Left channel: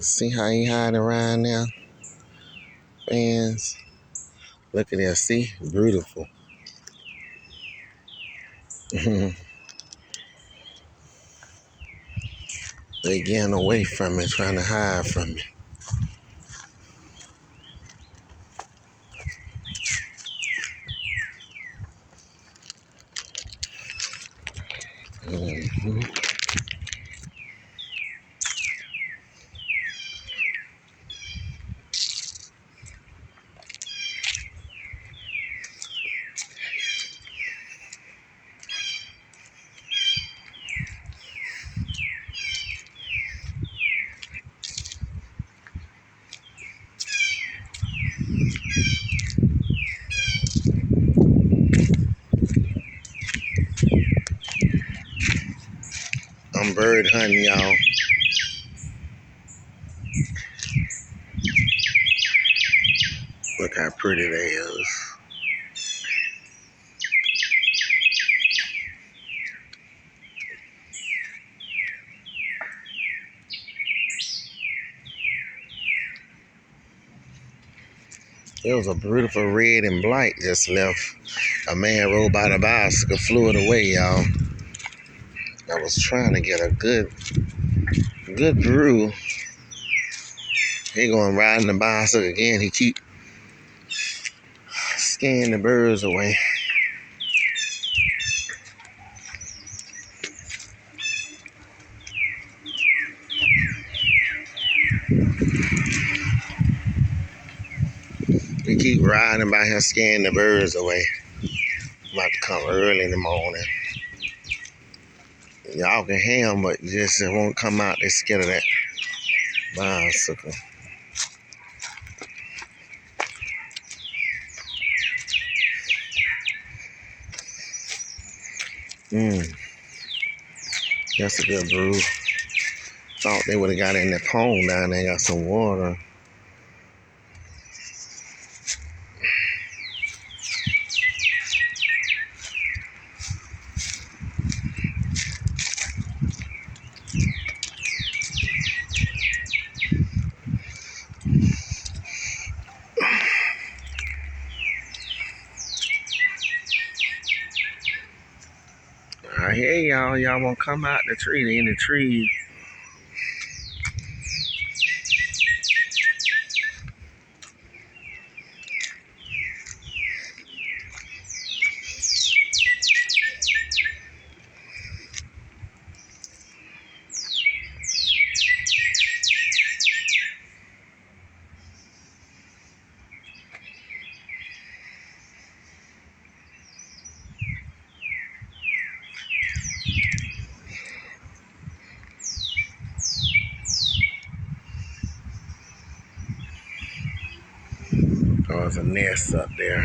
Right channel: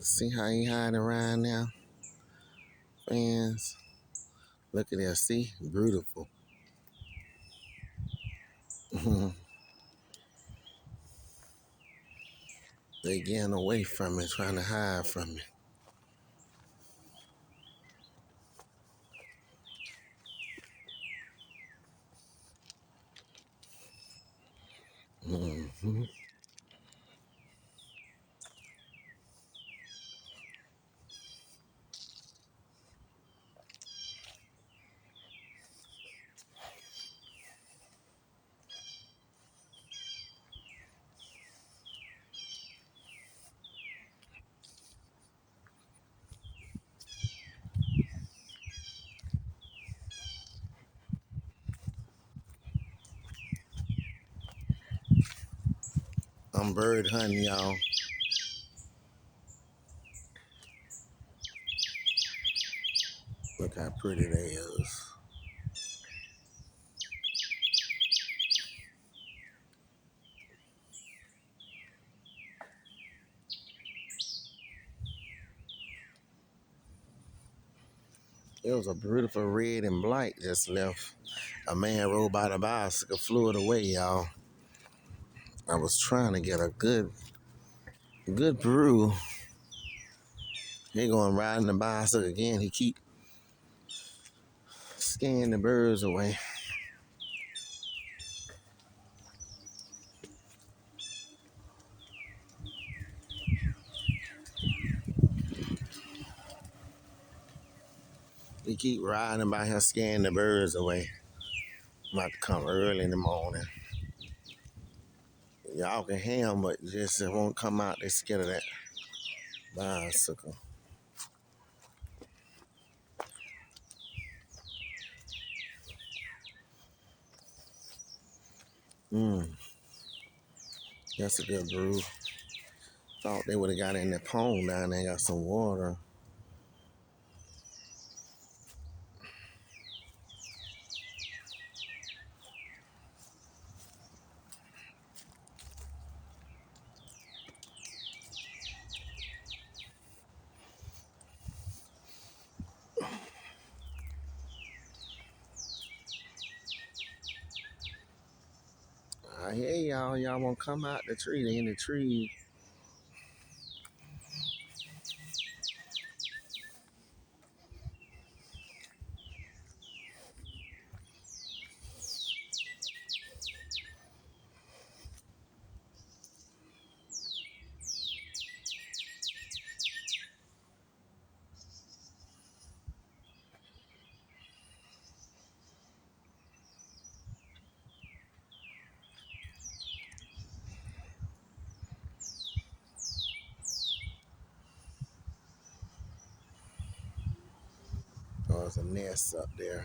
See how he hiding around now, fans? Look at that, see? Beautiful. They getting away from me, trying to hide from me. Mhm. I'm bird hunting, y'all. Look how pretty they is. It was a beautiful red and black just left. A man rode by the bicycle, flew it away, y'all. I was trying to get a good brew. He going riding the bicycle again. He keep scaring the birds away. He keep riding by here, scaring the birds away. I'm about to come early in the morning. Y'all can hear him, but just it won't come out. They're scared of that bicycle. That's a good brew. Thought they would have got in the pond down there, got some water. I hear y'all. Y'all won't come out the tree. They in the trees. There's a nest up there.